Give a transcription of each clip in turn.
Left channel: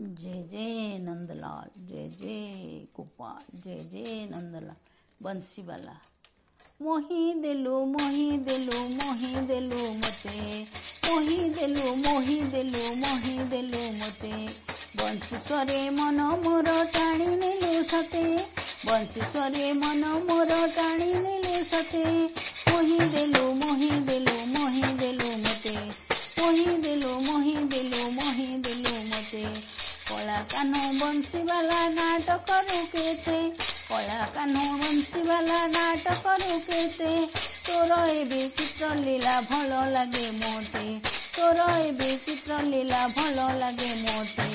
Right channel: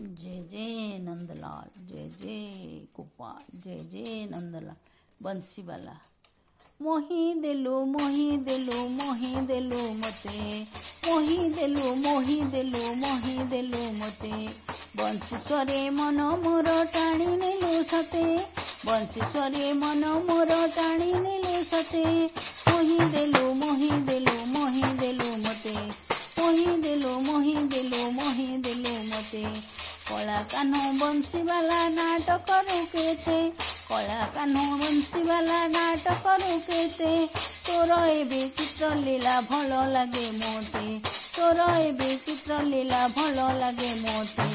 जय जय नंदलाल, जय जय गोपाल, जय जय नंदलाल। बंसी वाला मोही देलु मोही देलु मोही देलु मते, मोही देलु मोही देलु मोही देलु मते। बंसी स्वरे मन मोर टाणी नेलु सते, बंसी स्वरे मन मोर टाणी नेलु सते। मोही देलु मोही देलु मोही देलु मते, मोही देलु मोही देलु मोही देलु मते। कला कान्ह बंसी वाला नाटक रुकेते, कला कान्ह बंसी वाला नाटक रुकेते। तोर एबे चित्र लीला भल लागे मोते, तोर एबे चित्र लीला भल लागे मोते।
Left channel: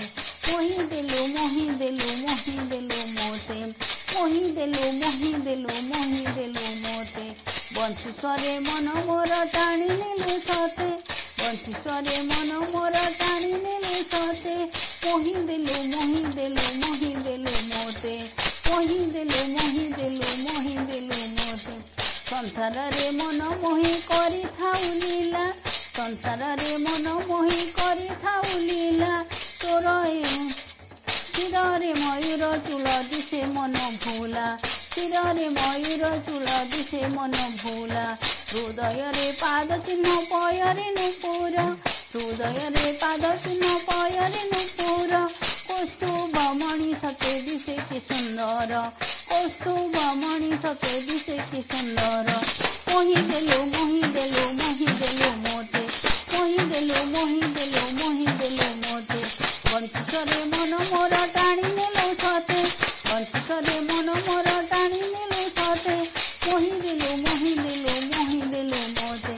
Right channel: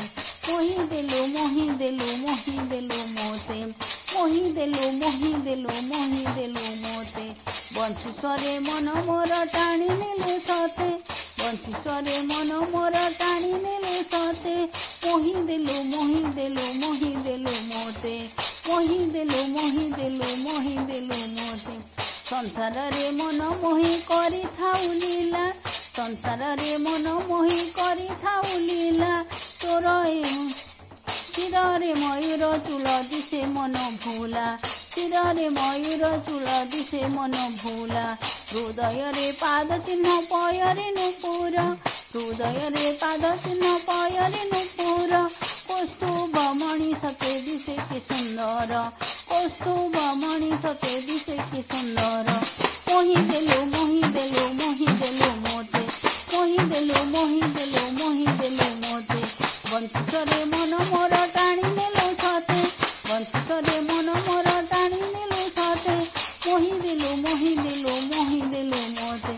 मोही देलु मोही देलु मोही देलु मोते, मोही देलु मोही देलु मोही देलु मोते। बंसी स्वरे मन मोर टाणी नेलु सते, बंसी स्वरे मन मोर टाणी नेलु सते। मोही देलु मोही देलु मोही देलु मोते, मोही देलु मोही देलु मोही देलु मोते। संसार रे मन मोही करी थाउ लीला, संसार रे मन मोही करी थाउ लीला। तोर शिरे मयूर चूल दिशे मन भूला, शिरे मयूर चूल दिशे मन भूला। हृदय रे पाद चिन्ह पयरे नुपुर, हृदय रे पाद चिन्ह पयरे नुपुर। कौस्तुभ मणि सते दिशे कि सुंदर, कौस्तुभ मणि सते दिशे कि सुंदर। मोही देलु मोही देलु मोही देलु मोते, मोही देलु मोही देलु मोही देलु मोते। बंसी स्वरे मन मोर टाणी नेलु सते, बंसी स्वरे मन मोर टाणी नेलु सते। मोही देलु मोही देलु मोही देलु मोते।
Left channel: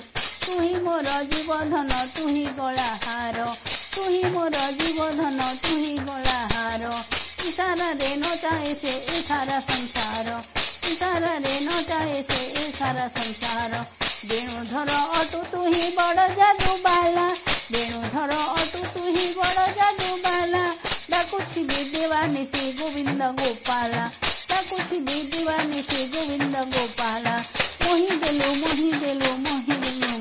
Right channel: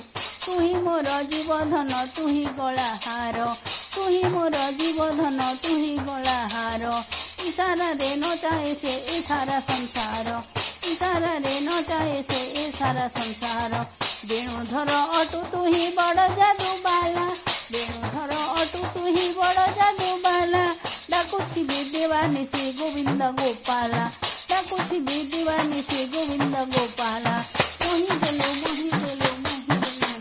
तुही मोर जीवधन तुही गलाहार, तुही मोर जीवधन तुही गलाहार। इशारा रे नचाए से ए सारा संसार, इशारा रे नचाए से ए सारा संसार। वेणुधर अटु तुही बड़ जादू बाला, वेणुधर अटु तुही बड़ जादू बाला। डाकुथिबि देवानी से गोविंद गोपाला, डाकुथिबि देवानी से गोविंद गोपाला। मोही देलु मोही देलु मोही देलु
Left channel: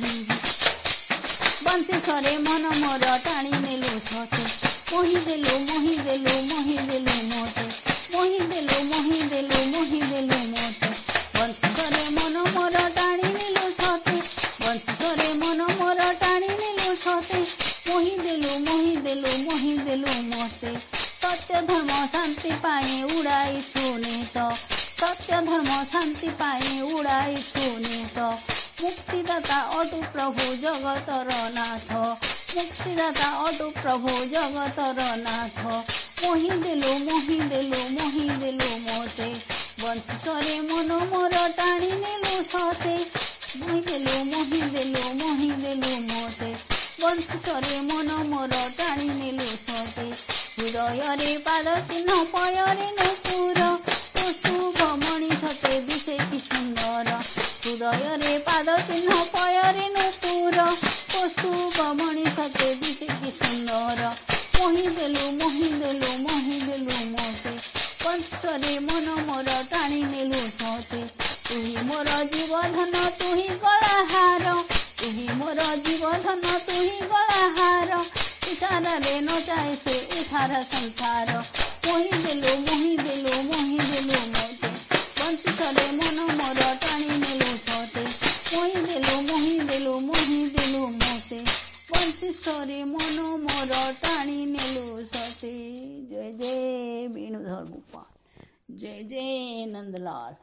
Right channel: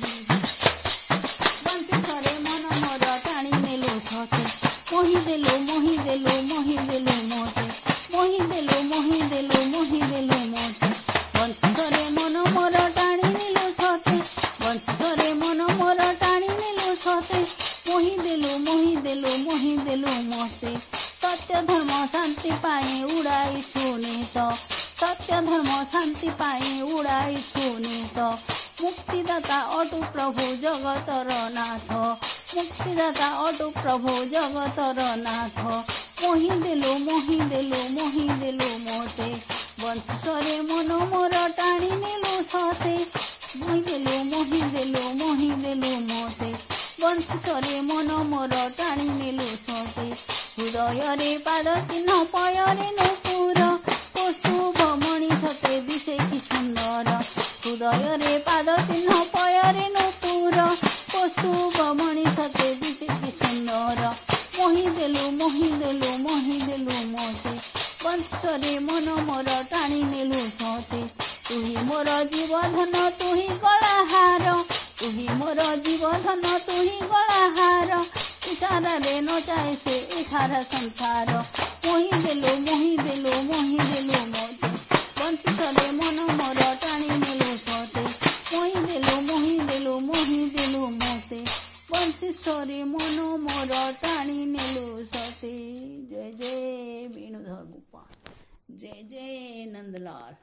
बंसी स्वरे मन मोर टाणी नेलु सते। मोही देलु मोही देलु मोही देलु मोते, मोही देलु मोही देलु मोही देलु मोते। बंसी स्वरे मन मोर टाणी नेलु सते, बंसी स्वरे मन मोर टाणी नेलु सते। मोही देलु मोही देलु मोही देलु मोते। सत्य धर्म शांति पाए उड़ाई सुनीत, सत्य धर्म शांति पाए उड़ाई सुनीत। मुक्तिदाता अटु प्रभु जगतर नाथ, मुक्तिदाता अटु प्रभु जगतर नाथ। मोही देलु मोही देलु मोही देलु मोते। बंसी स्वरे मन मोर टाणी नेलु सते, मोही देलु मोही देलु मोही देलु मोते। बंसी स्वरे मन मोर टाणी नेलु सते। हृदय रे पाद चिन्ह पयरे नुपुर, कौस्तुभ मणि सते दिशे कि सुंदर। हृदय रे पाद चिन्ह पयरे नुपुर, कौस्तुभ मणि सते दिशे कि सुंदर। मोही देलु मोही देलु मोही देलु मोते। बंसी स्वरे मन मोर टाणी नेलु सते। तुही मोर जीवधन तुही गलाहार, तुही मोर जीवधन तुही गलाहार। इशारा रे नचाए से ए सारा संसार। मोही देलु मोही देलु मोही देलु मोते। बंसी स्वरे मन मोर टाणी नेलु सते, मोही देलु मोही देलु मोही देलु मोते। बंसी स्वरे मन मोर टाणी नेलु सते। जय जय वेणुधर गोपाल, जय जय नंदलाल।